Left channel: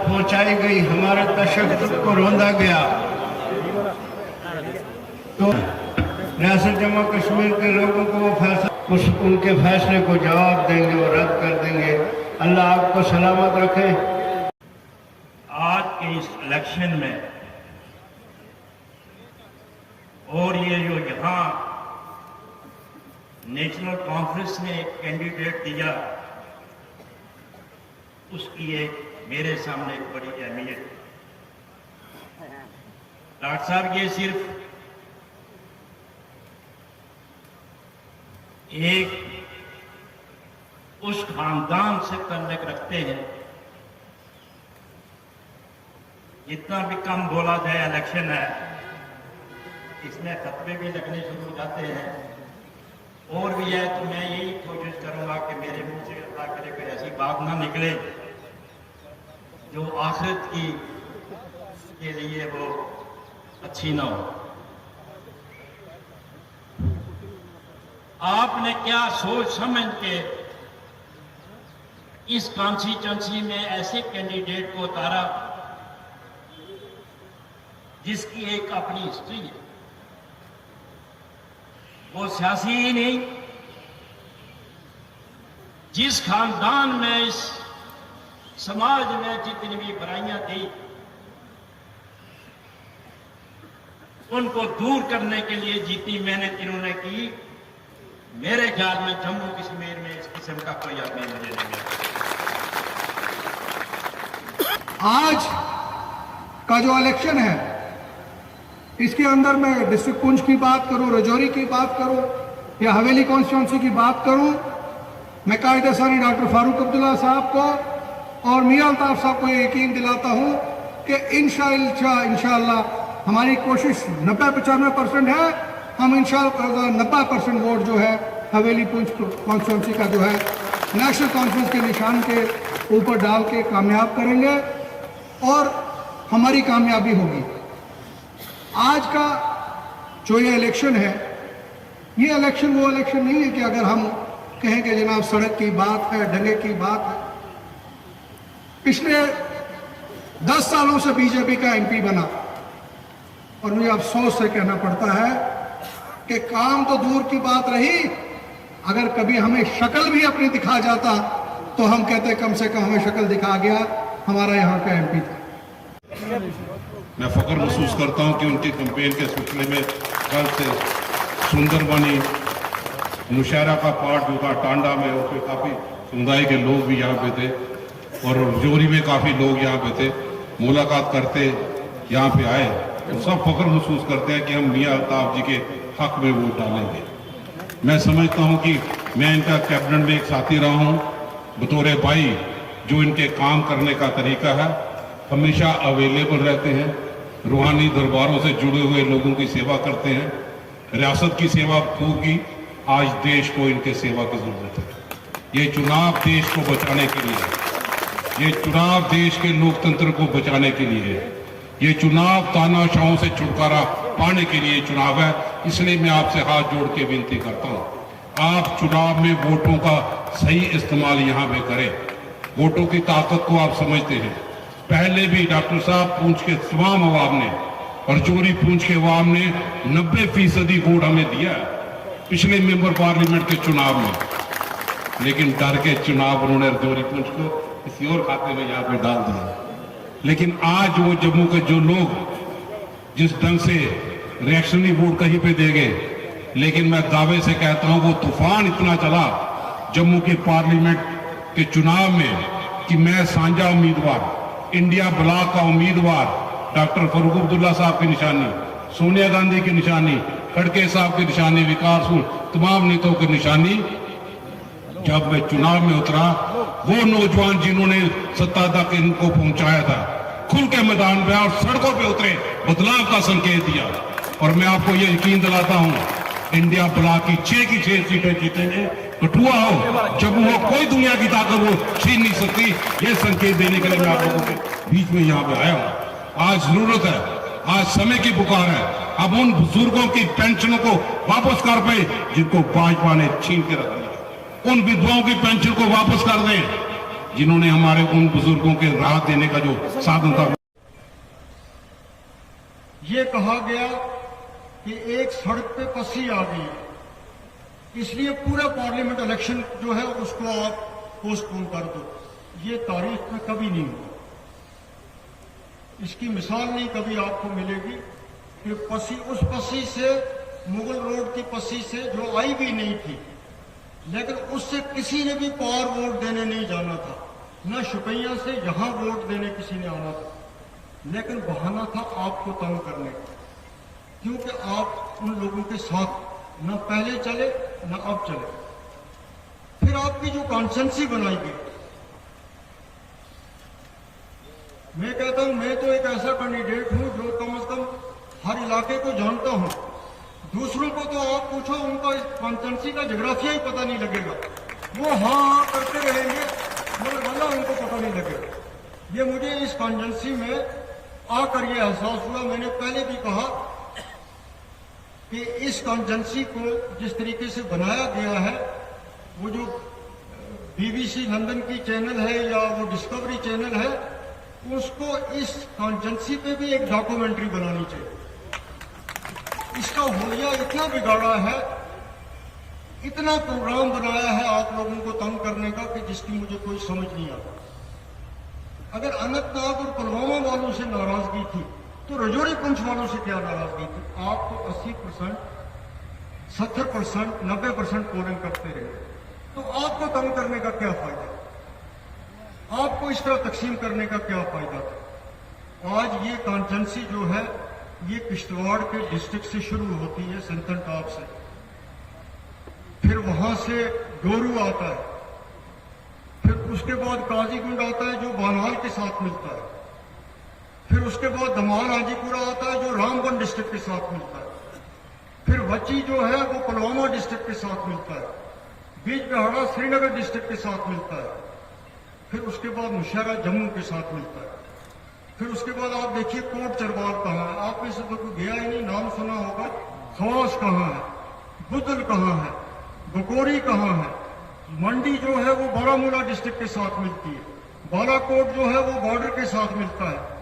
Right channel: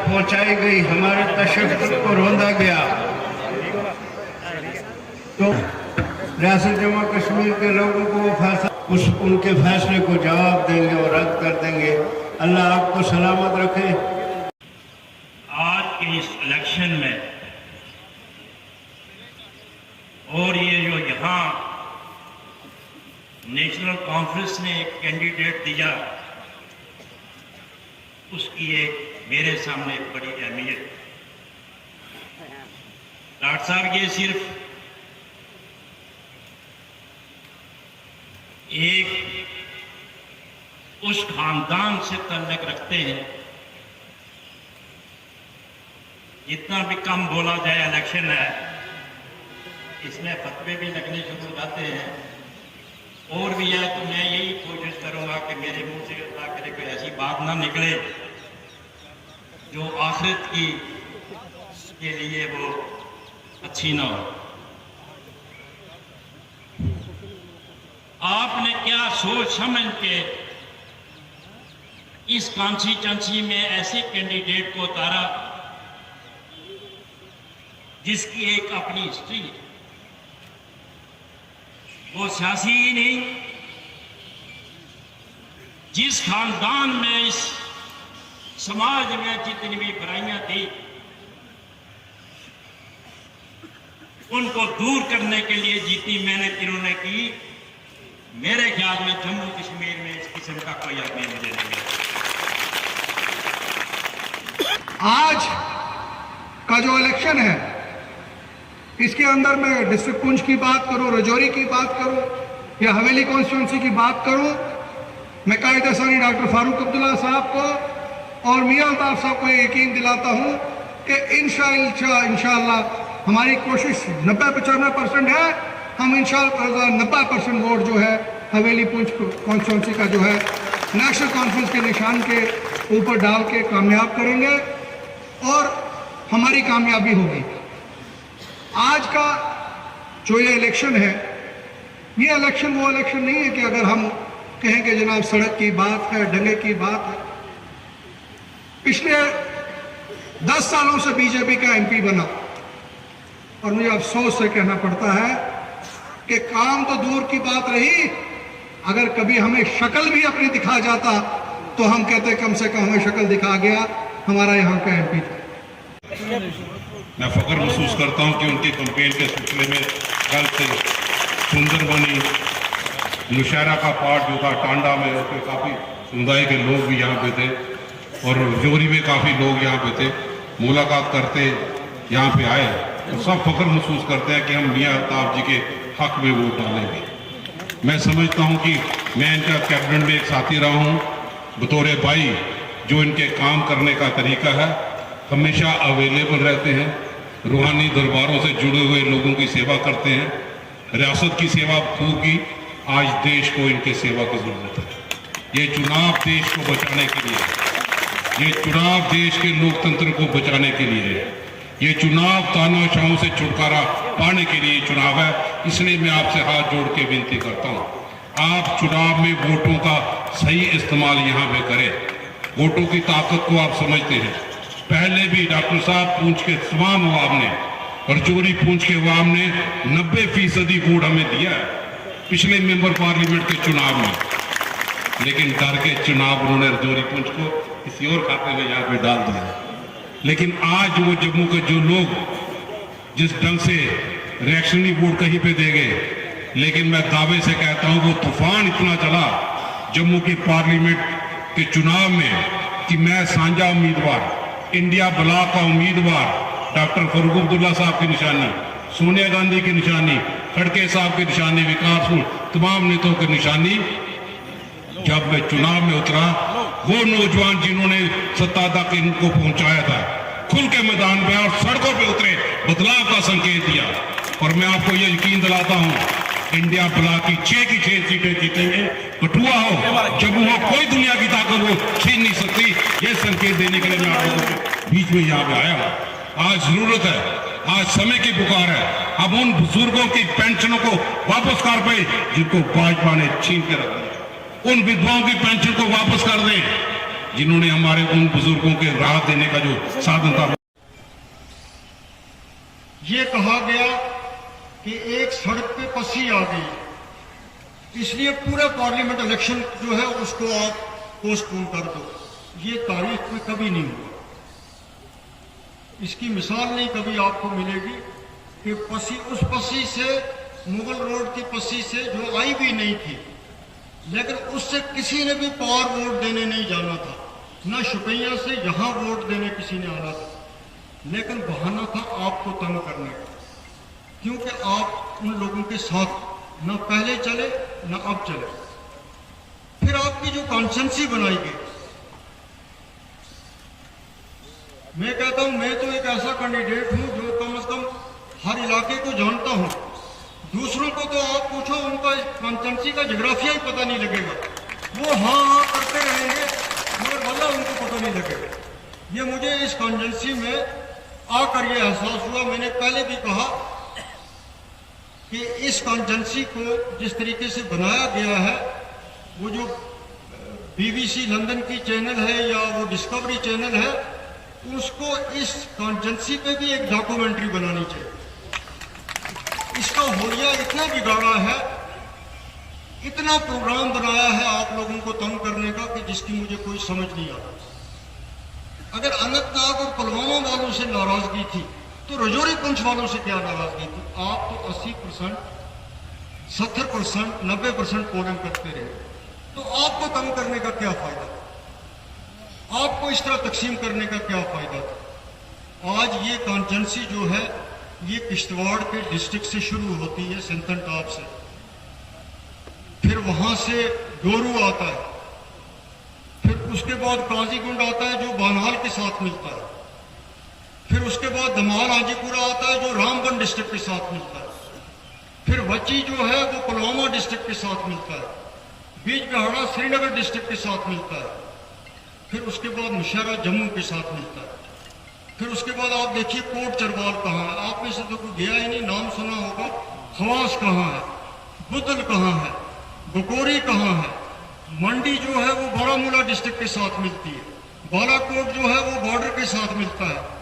पहुंचाई गई, हमारे तशद्दुद को रोंदा गया, तो रियासत जम्मू कश्मीर के लोगों को वो फैसला, उनके फैसले को जवाब देंगे और रद्द कर देंगे। अल्लाह आपको सलामत रखे। आज के इस इलेक्शन में और ये जो यहाँ नेशनल कॉन्फ्रेंस ने एक कैंडिडेट दिया, उसकी एक मेरे सामने एक बड़ी अहमियत। डॉक्टर साहब ये सिर्फ एक उस खानदान से ताल्लुक रखते हैं, जितना भी कम बोला जाए इलेक्शन है, इसमें फतवे भी लगने शुरू हो जाते हैं और भी है। तो मैं यही कोशिश करूंगा कि मेरे मुंह से अल्लाह करे कोई ऐसी बात ना निकले जो आखिरत की के लिए वो अच्छी ना हो। आपने क्या सोच समझ के इस कॉन्स्टिट्यूंसी में ऐसे कैंडिडेट को उतारा जिसकी एक अपनी हिस्ट्री है, वो सियासी ही नहीं, जिस खानदान में इस समाज में जितनी भी बुराइयां थी उनको दूर करने के लिए जितनी मेहनत इन्होंने की, मेरे ख्याल में जम्मू कश्मीर में इस किस्म का कोई आदमी नहीं देगा। आज का जो इलेक्शन है, इसके अंदर मैं डिस्ट्रिक्ट पुंछ की बात करूं, रजौरी की बात करूं या हवेली कॉन्स्टिट्यूंसी की बात करूं, मैं कायदे सानी डॉक्टर फारूक अब्दुल्ला साहब को और मियां अल्ताफ साहब को यकीन दिलाता हूं कि इंशाअल्लाह हमारी कोशिश 90-95% है। हम इंशाअल्लाह 90% वोट जो है हवेली पुंछ कॉन्स्टिट्यूंसी का जो है नेशनल कॉन्फ्रेंस के निशान के ऊपर डाल के कामयाब करेंगे और हमारी कामयाबी होगी। आज का जो ये इलेक्शन है, ये इलेक्शन वो इलेक्शन नहीं है कि अगर हम कहें कि जनाब सड़क की बात है, दंगे की बात है। पिछले 10 सालों से बीजेपी का एमपी बना और मुझे अफसोस से कहना पड़ता है कि काम तो दूर की बात रही, अगर कभी हमें शक्ल भी अपनी दिखा जाता तो हम कहते कम से कम हमें शक्ल दिखा गया, हमारा यहाँ का एमपी था। मैं फख्र महसूस करता हूँ कि उनकी कैंपेन के सिलसिले में कल से सुंदरबनी नौशहरा का पार्ट जो था टांडा में, उस पर काफ़ी समुदाय के लोग भी यहाँ पे थे और रजौरी में काफ़ी लोग यहाँ पे थे, मुलाकात करते यहाँ पे आए और सब फख्र महसूस करते हैं कि हम मियां अल्ताफ जी के हक में वोट डालेंगे। मैं समझता हूँ कि मैं इनका कैबिनेट में एक साथी रहा हूँ बतौर भाई, जो इनके काम करने का तरीका है, हमेशा अवेलेबल रहते हैं, रूहानी दरबारों से जुड़े हुए लोगों की सेवा करते हैं, रियासत की सेवा होगी। आज देश को इनके सेवा की जरूरत है। ये चुनाव देश को बचाने के लिए है, ये चुनाव देश के लोकतंत्र को बचाने के लिए है, ये चुनाव तानाशाहों से छुटकारा पाने के लिए चुनाव है। इसलिए मैं आपसे हाथ जोड़ के विनती करता हूँ, आप चुनाव में वोटों का सही इस्तेमाल यहाँ पे करें। वोटों की ताकत को आप समझते हैं। पहले भी डॉक्टर साहब पूंछ के तमाम अवाम ने और रजौरी पूंछ के अवाम ने 90% वोट हमें दिया है पिछले मेंबर पार्लियामेंट के चुनाव में, लेकिन डर के चुनाव उन्होंने रजौरी पूंछ को किसी और खाते में यहाँ पे डाल दिया। लेकिन आज वो जम्मू के जो लोग जिस ढंग से रिएक्शनरी वोट कहीं पे दे गए, लेकिन मैं दावे से कहता हूं वो तूफान इतना चला जम्मू की पार्लियामेंट के चुनाव में कि मैं साझा उम्मीदवार, इंडिया ब्लॉक का उम्मीदवार, डॉक्टर फारूक अब्दुल्ला साहब की निशानी, सोनिया गांधी की निशानी, खड़गे साहब की निशानी, विकासपुर तमाम नेताओं की निशानी, जब मैं चुनाव में उतरा, वो नौजवान जिन्होंने सत्ता तक इनको पहुंचाया था, खुल के मैदान में और सड़कों पे उतरे, बदलाव का संकेत दिया। और मैं आपको ये यकीन दिलाता हूं, इंडिया ब्लॉक की 6 की 6 सीटें जीतेंगे। कठुआ हो, जम्मू हो, कोई दुनिया की ताकत वो छीन नहीं सकती। ये संकेत देने के लिए मैं आप लोगों के बीच में यहाँ पे आया हूँ। आज जरूरत है, आज समय की पुकार है। अब उन बुजुर्गों की पेंशनों को वापस कर पाए जिनको भाजपा ने छीन के रख दिया, उन विधवाओं की पेंशन को वापस कर दें जिन्होंने हमारे उन बुजुर्गों के राहत देने का जो साधन था। ये कहा गया कि एक सड़क पे पस्सी आ गई, इसलिए पूरा पार्लियामेंट इलेक्शन जो है उसको आप पोस्टपोन कर दो। ये तारीख में कभी नहीं हुआ, इसकी मिसाल नहीं कभी आपको मिलेगी कि पस्सी, उस पस्सी से, मुगल रोड की पस्सी से जो आई भी नहीं थी, लेकिन उससे किसी ने भी पार वोट देने नहीं जाना था, न शुपैया से यहां वोट देने किसी ने आना था, लेकिन बहाना था आपको तंग करने का, क्योंकि आप उन लोगों के साथ न पहले चले न अब चले। फिर आपकी जो कॉन्स्टिट्यूंसी बनाई गई, मैं कहता हूं मैं तो एक ऐसा कैंडिडेट हूं जो कम से कम हर इलाके को जानता हूं। दूसरों को तो आप पूछो, उनका इस कॉन्स्टिट्यूंसी का जोग्राफिया ही पता नहीं लगेगा, वो हाँ करते रहेंगे मगर वाला उनको पता नहीं लगेगा। ये मुझे इस कॉन्स्टिट्यूंसी में आकर ये एहसास हुआ। मैंने पहले भी कहा कि इस कॉन्स्टिट्यूंसी को जिस तरीके से बनाया गया है, वो जो BBC लंदन की चैनल है या वो डिस्कवरी चैनल है, उसको इस कॉन्स्टिट्यूंसी पे भी एक डॉक्यूमेंट्री बनानी चाहिए। इसका होलिया इतना बिगाड़ा है, इतना प्रोग्राम बनाया है आप लोगों को तंग करने का कि जिसकी मुझे कोई समझ नहीं आता। अगर अनंतनाग और पुलवामा वालों से नाराजगी थी तो रजौरी पुंछ वालों से क्या नाराजगी थी? आप तो 80%, 70%, 90% पोलिंग करते रहे, तो आपको तंग करने का क्या फायदा? आपको इस तरह तकसीम करने का क्या फायदा था? आज ये कॉन्स्टिट्यूंसी जो है ये किश्तवाड़ के डिस्ट्रिक्ट से शुरू होती है, सिंथन टॉप से, फिर वहां से डोरू आता है, फिर उसके बाद काजीगुंड आता है जो बानहाल के साथ मिलता है, फिर उसके बाद दमाल हाजीपुरा आता है जो रामबन डिस्ट्रिक्ट के साथ मिलता है, फिर वची जो है वो पुलवामा डिस्ट्रिक्ट के साथ मिलता है, बीच गहड़ा श्रीनगर डिस्ट्रिक्ट के साथ मिलता है, फिर उसके बाद मुशहरा जम्मू के साथ मिलता है, फिर उसके बाद आप देखिए कोट चरवाल कहाँ है, आप में से तो कोई गया ही नहीं, नाम सुना होगा। खवास कहाँ है, बुदल कहाँ है, बकोरी कहाँ है, मंडी जो है वो बारामूला डिस्ट्रिक्ट के साथ मिलती है, बालाकोट जो है वो बॉर्डर के साथ मिलता है।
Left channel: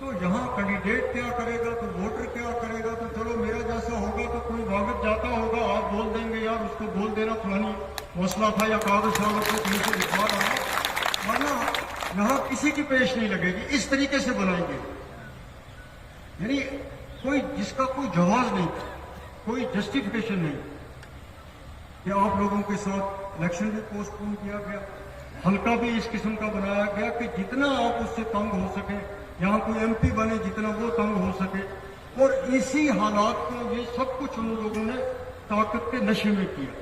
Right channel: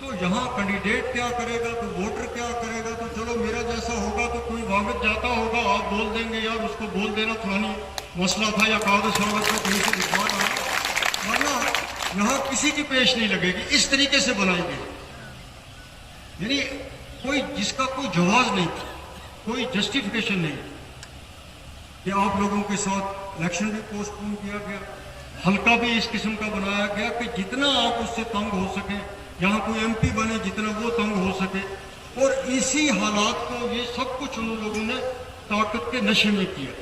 तो यहाँ कैंडिडेट क्या करेगा तो वोटर क्या करेगा? तो चलो मेरा जैसा होगा तो कोई वागत जाता होगा, आप बोल देंगे यार उसको बोल देना फलानी मसला था या कागज सरवत को कहीं से दिखवा रहा है, वरना यहाँ किसी की पेश नहीं लगेगी। इस तरीके से बनाई गई, यानी कोई जिसका कोई जवाब नहीं था, कोई जस्टिफिकेशन नहीं कि आप लोगों के साथ इलेक्शन भी पोस्टपोन किया गया, हल्का भी इस किस्म का बनाया गया कि जितना आप उससे तंग हो सके, यहाँ कोई MP बने जितना वो तंग हो सके, और इसी हालात को ये सब कुछ उन लोगों ने ताकत के नशे में किया।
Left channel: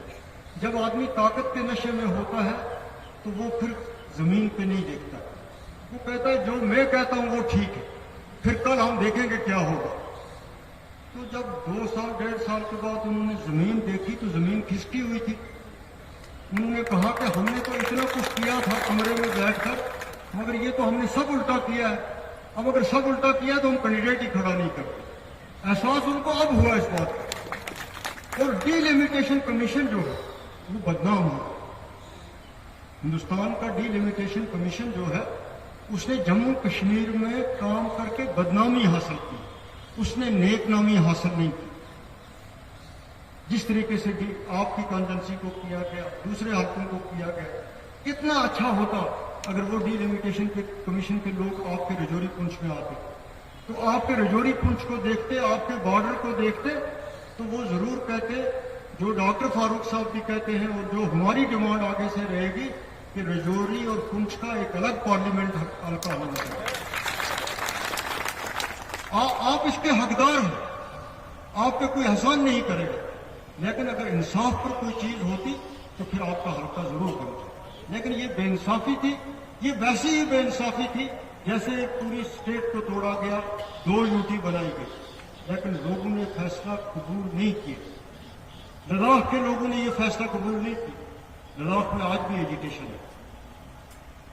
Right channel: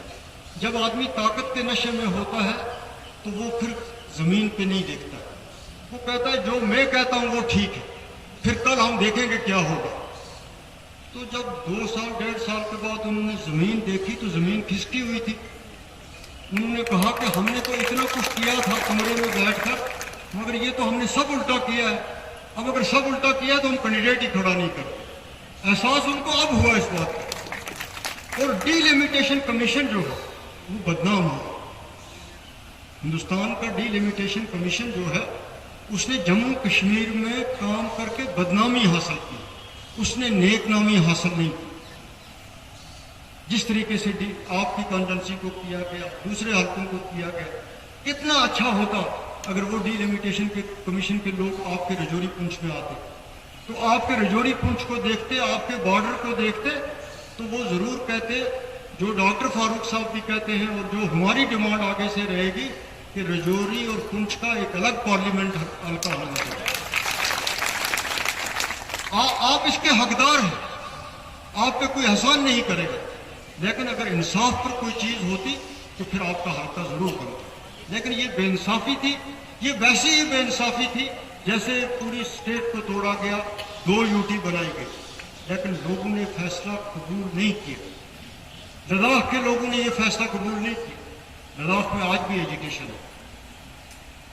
जब आदमी ताकत के नशे में होता है तो वो फिर जमीन पे नहीं देखता, वो कहता है जो मैं कहता हूँ वो ठीक है, फिर कल हम देखेंगे क्या होगा। तो जब 2 साल 1.5 साल के बाद उन्होंने जमीन देखी तो जमीन खिसकी हुई थी। उन्होंने कहा कि हमने तो इतना कुछ किया था कमरे में बैठकर, मगर ये तो हमने सब उल्टा किया है। अब अगर सब उल्टा किया तो हम कैंडिडेट ही खड़ा नहीं करते। एहसास उनको अब हुआ इस बात का। और डिलिमिटेशन कमीशन जो है वो बदनाम हुआ। हिंदुस्तान का डिलिमिटेशन कमीशन जो है उसने जम्मू कश्मीर में काम करके बदनामी हासिल की, उसने नेक नामी हासिल नहीं की। जिस तरीके से आपकी कॉन्स्टिट्यूंसी को किया गया, दूसरे हल्कों को किया गया, कितना अच्छा होता अगर वो डिलिमिटेशन के कमीशन के लोग आपके रजौरी पुंछ में आते, तो आपके रजौरी पुंछ को देखते, आपके बॉर्डर को देखते, तो वो जरूर कहते जो डॉक्टर फारूक साहब भी कहते हैं और जो हमारी डिमांड आगे से रहेगी कि रजौरी और पुंछ का एक अलग पार्लियामेंट हल्का होना चाहिए। आप इसके हकदार हैं, आप पे कोई एहसान नहीं करेगा, लेकिन अगर इंसाफ पर कोई चीज होती तो फिर आपका हल्का जरूर बनता। लेकिन ये बेइंसाफी थी, ये वैसी ही बेइंसाफी थी जैसे पूरी स्टेट को तोड़ा गया, 2 यूटी बनाई गई, लेकिन लोगों ने फैसला कबूल नहीं किया। लद्दाख के लोगों ने ये फैसला कबूल नहीं किया। लद्दाख में आज भी एजिटेशन है।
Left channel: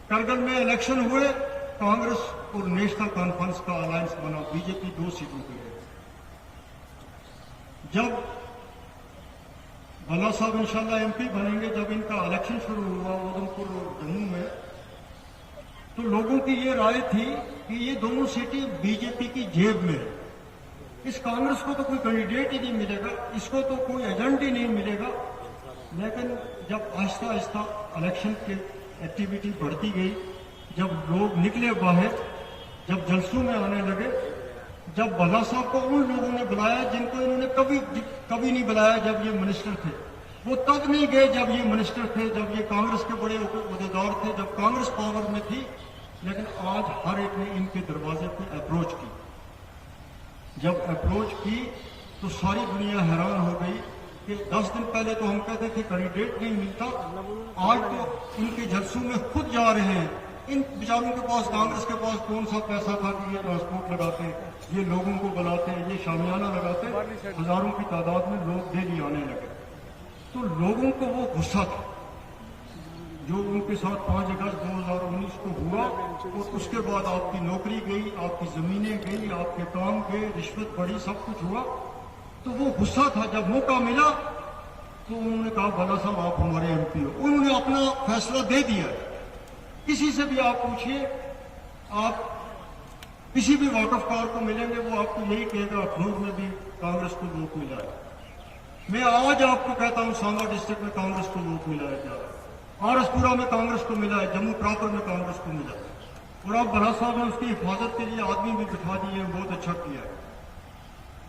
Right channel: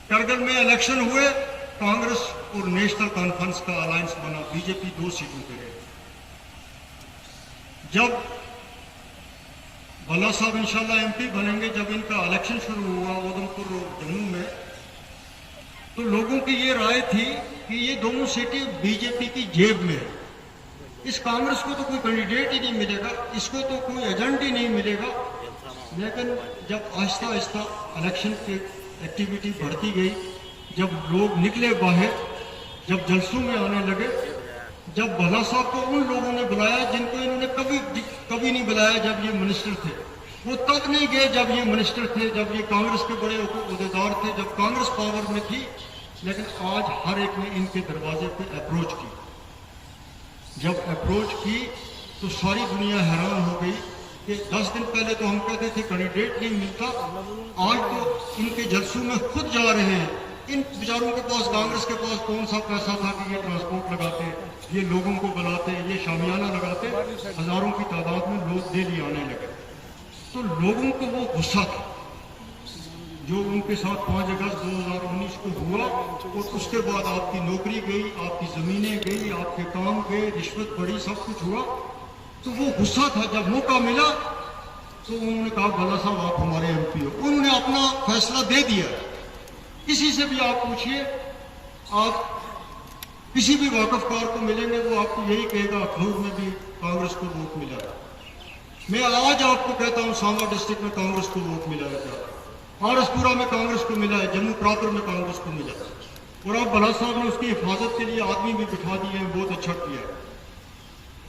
करगिल में इलेक्शन हुए, कांग्रेस और नेशनल कॉन्फ्रेंस का अलायंस बना, बीजेपी 2 सीटों पे रहे। जब भल्ला साहब इंशाल्लाह MP बनेंगे, जब इनका इलेक्शन शुरू हुआ उधमपुर और जम्मू में, तो लोगों की ये राय थी कि ये दोनों सीटें बीजेपी की जेब में है, इस कांग्रेस को तो कोई कैंडिडेट ही नहीं मिलेगा, इसको तो कोई एजेंट ही नहीं मिलेगा। लेकिन जब आहिस्ता आहिस्ता इलेक्शन की एक्टिविटी बढ़ती गई, जब लोग निकले बाहर, जब जलसों में आने लगे, जब भल्ला साहब को उन लोगों ने बुलाया जिनको इन्होंने कभी नहीं बुलाया जब ये मिनिस्टर थे, वो तब नहीं गए जब ये मिनिस्टर थे, जब ये कांग्रेस के बड़े उहदेदार थे, जब कांग्रेस पावर में थी। लेकिन आज हर एक ने इनके दरवाजे पे अप्रोच की। जब अप्रोच की तो सारी दुनिया हैरान हो गई कि 10 दिन पहले तो हम कहते थे कैंडिडेट नहीं मिलता, आज तो इनके जलसों में खुद जा रहे हैं। इन बेचारों के पास, कांग्रेस के पास कौन सा पैसा था कि ये ट्रांसपोर्ट लगाते, ये लोगों को बुलाते, ये शामियाना लगाते, हजारों की तादाद में लोग डेली आने लगे। तो लोगों को वो गुस्सा था जो उनके साथ 5 अगस्त 2019 को हुआ, और उसके बाद आपकी नौकरी गई, आपकी जमीनें गई, आपके काम गए, रिश्वत बढ़ी, सब कुछ हुआ। तो वो गुस्सा था। जब मौका मिला तो उन्होंने कहा भल्ला साहब आप हमारे एमपी हो। उन्होंने अपना फैसला दे दिया। किसी से भी आप पूछिए, आप किसी भी वाकफकार को मिलेंगे, वो आपको यही कहेगा अखनूर में भी कांग्रेस को वोट मिला है। मैं आज आपको कहता हूं सांबा डिस्ट्रिक्ट में कांग्रेस को वोट मिला है, आरएसपुरा में कांग्रेस को मिला है, जम्मू प्रॉपर में कांग्रेस को मिला है। और अब भल्ला साहब ने उसकी हिफाजत के लिए आदमी भी बिठा दिए हैं, बहुत अच्छा किया है।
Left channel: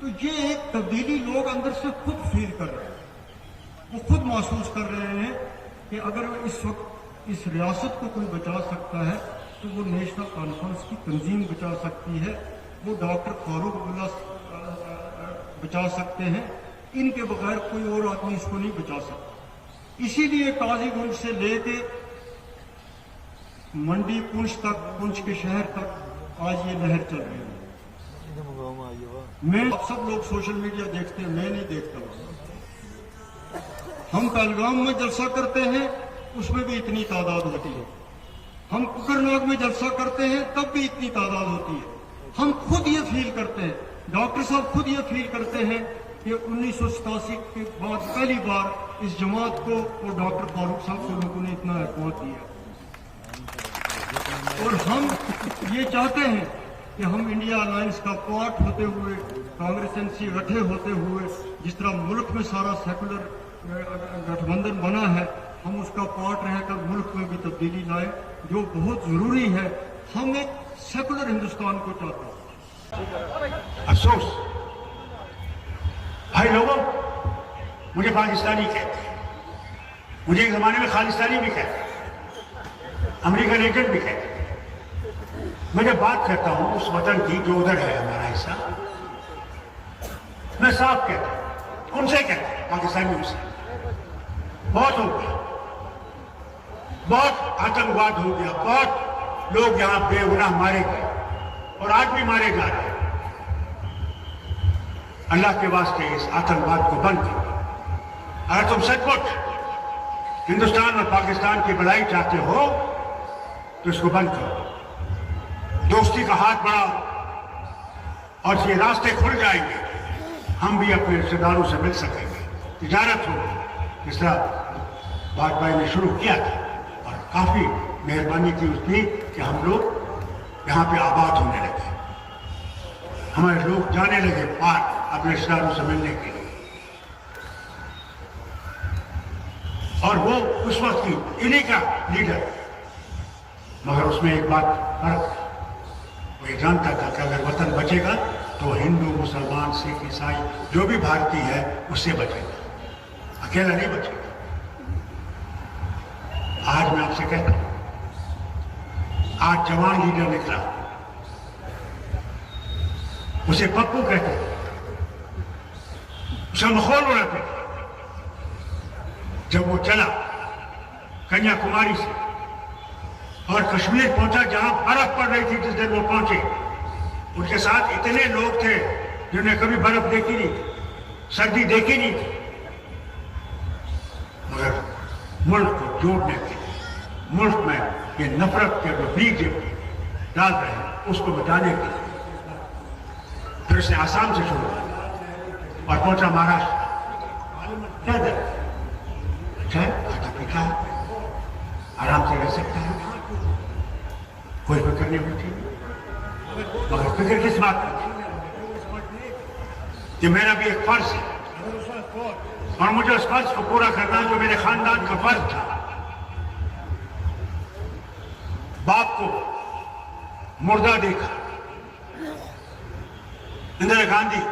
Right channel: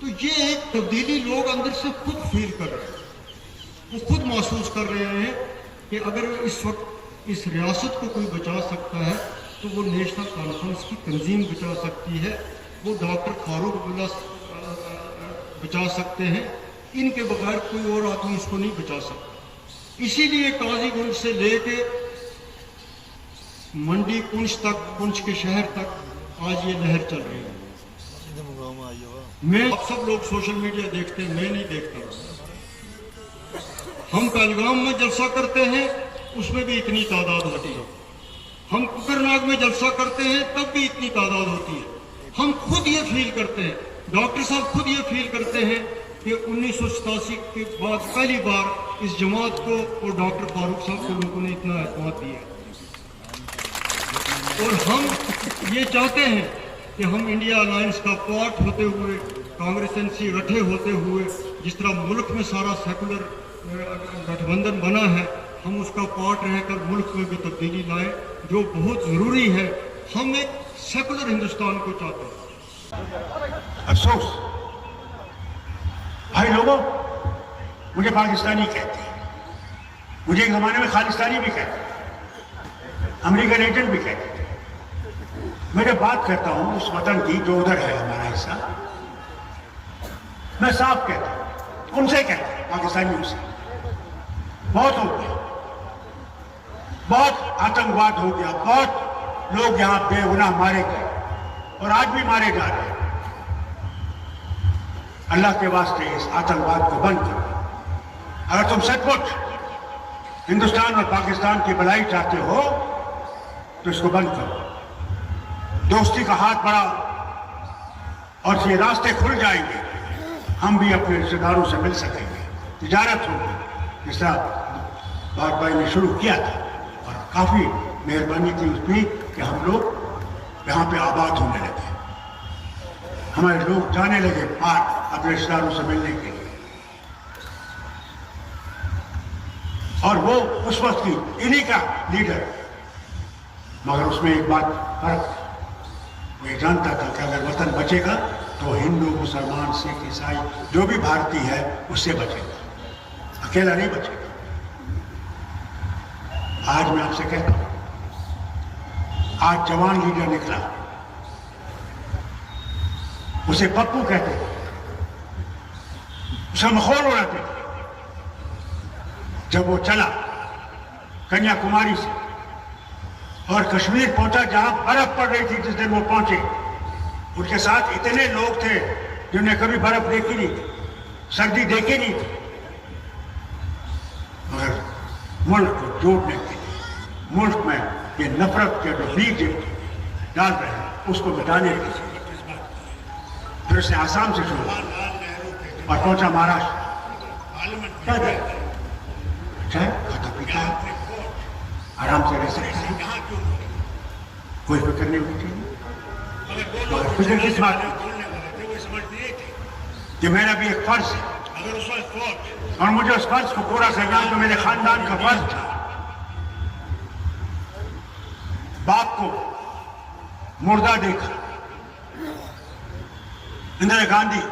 तो ये एक तब्दीली लोग अंदर से खुद फील कर रहे हैं, वो खुद महसूस कर रहे हैं कि अगर इस वक्त इस रियासत को कोई बचा सकता है तो वो नेशनल कॉन्फ्रेंस की तंजीम बचा सकती है, वो डॉक्टर फारूक अब्दुल्ला बचा सकते हैं। इनके बगैर कोई और आदमी इसको नहीं बचा सकता। इसीलिए काजीगुंज से लेके मंडी पुंछ तक, पुंछ के शहर तक आज ये लहर चल रही है। मैं, सब लोग सोशल मीडिया देखते हैं, मैं नहीं देखता। हम पहलगाम में जलसा करते हैं, उसमें भी इतनी तादाद होती है। हम कुकरनाग में जलसा करते हैं, तब भी इतनी तादाद होती है। हम खुद ये फील करते हैं, डॉक्टर साहब खुद ये फील करते हैं कि 1987 के बाद पहली बार इस जमात को और डॉक्टर फारूक साहब को लोगों ने इतना एतमाद दिया। और हम ये चाहते हैं कि हम इंडिया अलायंस का पार्ट होते हुए, कांग्रेस एनसी रठे होते हुए, जिस तरह मुल्क में सारा सेकुलर गठबंधन बना है, हम उसका पार्ट रहकर मुल्क में भी तब्दीली लाए, जो बहुत जरूरी है। हम एक सेकुलर हिंदुस्तान को चाहते हैं। अफसोस भाई लोगों, मुझे पाकिस्तानी कहते हैं, मुझे एक जमाने में खालिस्तानी भी कहते हैं, अमेरिकन एजेंट भी कहते हैं। मैं जब बात करता हूं उस वतन की जो उधर है हमारा हिस्सा, मैं साफ कहता हूं, उनसे कहता हूं, पाकिस्तानियों से। बहुत हो गया, बहुत आतंकवाद हो गया, बहुत लोग यहां बेगुनाह मारे गए और आज भी मारे जा रहे हैं। अल्लाह के वास्ते इस आतंकवाद को बंद करो। अगर तुम सचमुच हिंदुस्तान और पाकिस्तान की भलाई चाहते हो तो इसको बंद करो, दोस्ती का हाथ बढ़ाओ और ये रास्ते खुल जाएंगे। हम भी अपने रिश्तेदारों से मिल सकेंगे, तिजारत होगी, जिस तरह वाजपेयी ने शुरू किया था। और काफी मेहरबानी की उसकी कि हम लोग यहाँ पे आबाद होने लगे, हमारे लोग जाने लगे बाहर अपने रिश्तेदारों से मिलने के लिए। और वो उस वक्त की इन्हीं का लीडर, मगर उसमें एक बात फर्क, मैं जानता था कि अगर वतन बचेगा तो हिंदू, मुसलमान, सिख, ईसाई जो भी भारतीय है उससे बचेगा, अकेला नहीं बचेगा। आज मैं आपसे कहता हूं, आज जवान लीडर निकला, उसे पप्पू कहते हैं, उसे मखौल उड़ाते थे। जब वो चला कन्याकुमारी से और कश्मीर पहुंचा, जहां बर्फ पड़ रही थी जिस दिन वो पहुंचे, उनके साथ इतने लोग थे जिन्हें कभी बर्फ देखी नहीं थी, सर्दी देखी नहीं थी। मगर मुल्क को जोड़ने के लिए, मुल्क में ये नफरत के जो बीज डाल रहे हैं उसको मिटाने के लिए फिर उसने आसाम से छोड़ा और पहुंचा महाराष्ट्र। क्या है अच्छा है, खाता पीता है, आराम से रह सकता है। कोई फिक्र नहीं होती और फिक्र किस बात की कि मेरा भी एक फर्ज है और मुझे उस फर्ज को पूरा करना तो मेरे खानदान का फर्ज था। बाप को मुर्दा देखा, इंदिरा गांधी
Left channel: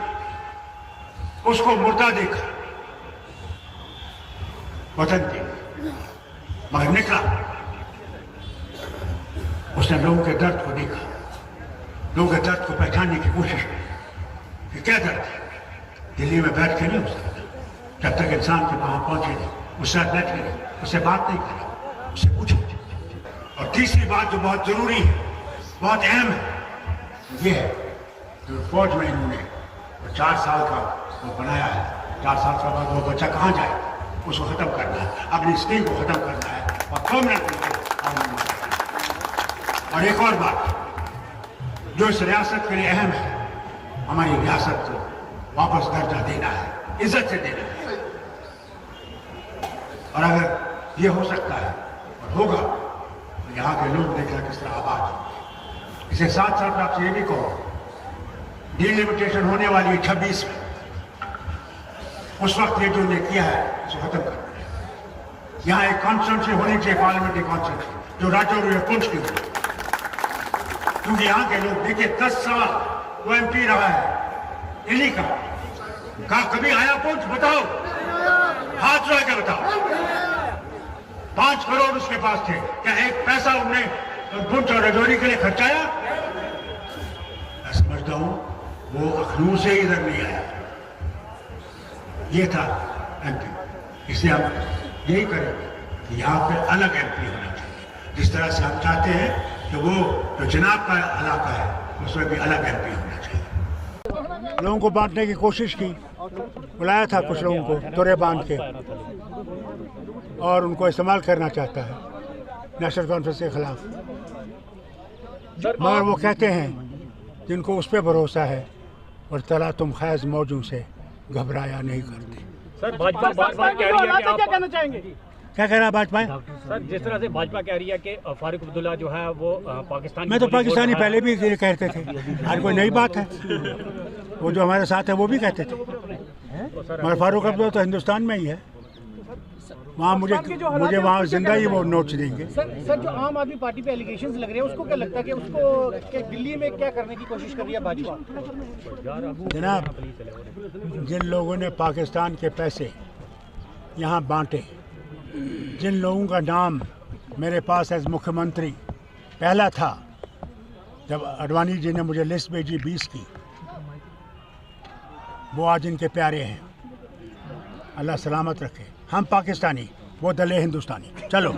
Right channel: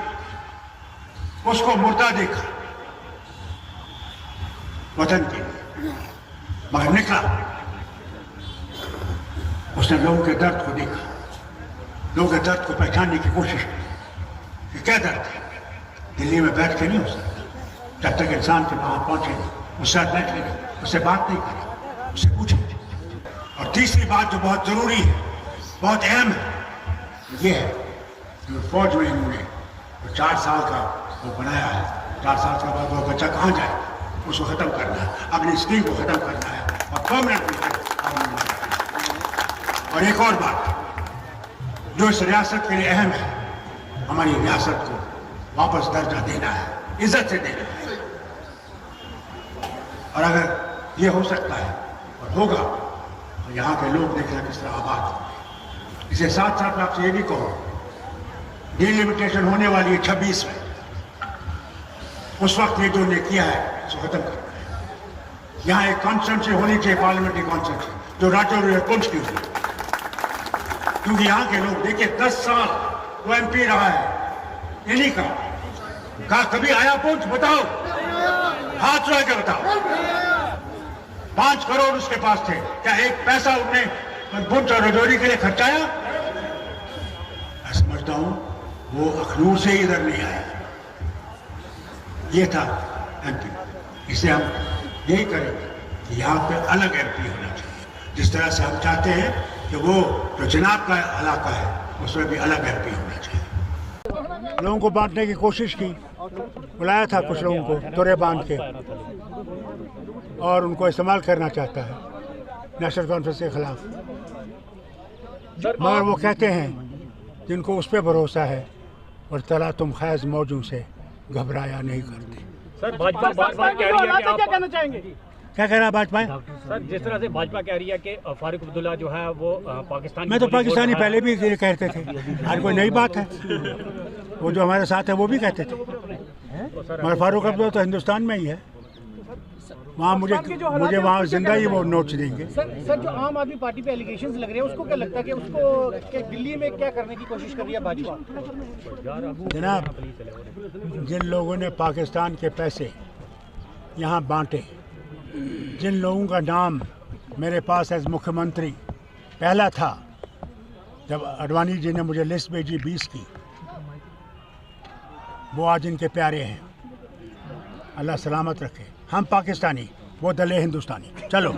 उसको मुर्दा देखा वतन के लिए, मगर निकला। उसने लोगों के दर्द को देखा, लोगों के दर्द को पहचानने की कोशिश की कि क्या दर्द है। दिल्ली में बैठ के नहीं हो सकता जब तक इंसान के वहां पहुंचे नहीं, उससे बैठ के नहीं, उससे बात नहीं करी, उससे पूछे। और तीसरी बात जो बहुत जरूरी है, बहुत अहम है, ये है कि फौज में इन्होंने 4 साल का वो बनाया है। 4 साल का वो बच्चा कहाँ जाए, उसको खत्म करना है, अपनी स्कीम को खत्म करना है और परमानेंट। और एक और बात जो इस रियासत के लिए अहम है, हमारी रियासत को वापस दर्जा देना है, इज्जत से देना है। और अगर ये हो सकता है और होगा तो यहाँ के लोग देखना किस तरह आबाद होंगे। इसे साथ साथ मैं आपसे ये भी कहूँ, डिलिमिटेशन होने वाली है 26 में, उस वक्त में जो ने किया है उसे खत्म करना है। यहाँ एक कॉन्स्टिट्यूंसी होनी चाहिए, पार्लियामेंट्री कॉन्स्टिट्यूंसी, जो राज्यों में पुंछ की हुई। क्योंकि यहाँ के लोग देखिए 10 साल वो MP रहा है इन्हीं का। कहा कभी आया पुंछ, बताओ, हाथ उठा के बताओ। 5 करोड़ उसके पास थे, क्या एक पैसा उन्होंने पुंछ और रजौरी के लिए खर्चाया? मैं समझता हूं वो अखनूर से इधर नहीं आया। ये था MP। इसे हम यही करेंगे कि यहाँ पे अलग MP होना चाहिए, जिस तरह से हम चाहते हैं कि वो जो जनाब का इलाका है उसमें भी अलग MP होना चाहिए। लोगों को बांटने की कोशिश की, बुलाया था कुछ लोगों को तोरे बांध के, और उनको इस्तेमाल करना चाहता है नेशनल कॉन्फ्रेंस के खिलाफ। मगर वो कहते हैं जिनको उस पर भरोसा है और तला तुम खैज मौजों से घबराया नहीं करते। सर भाजपा कह रही है कि आप क्या कहना चाहेंगे? क्या कह रहा है भाजपा? सर जिस तरह से भाजपा कह रही है कि फारूक अब्दुल्ला जो है वो पाकिस्तान, मैं तो पाकिस्तानी पहले भी ये कहते थे, आज कोई नई बात है। वो जो हमारे साथ है वो भी कहते थे, मगर फारूक अब्दुल्ला तो हिंदुस्तान में ही है। वहाँ मुझे वहाँ जिंदा ही वो नोट्स देंगे। सर जो आम आदमी पार्टी पे एलिगेशंस लग रहे हैं, उसको क्या लगता है कि उसको दिल्ली में क्या करने की कोशिश कर रही है भाजपा? जनाब, जिन लोगों ने पाकिस्तान के पैसे यहाँ बांटे, जिन लोगों का नाम मेरे पास एज मुख्यमंत्री पहला था जब अडवाणी जी ने मुझे लिस्ट भेजी 20 की, वो आज इनके प्यारे हैं। अल्लाह सलामत रखे। हम पाकिस्तानी, वो दले हिंदुस्तानी। चलो।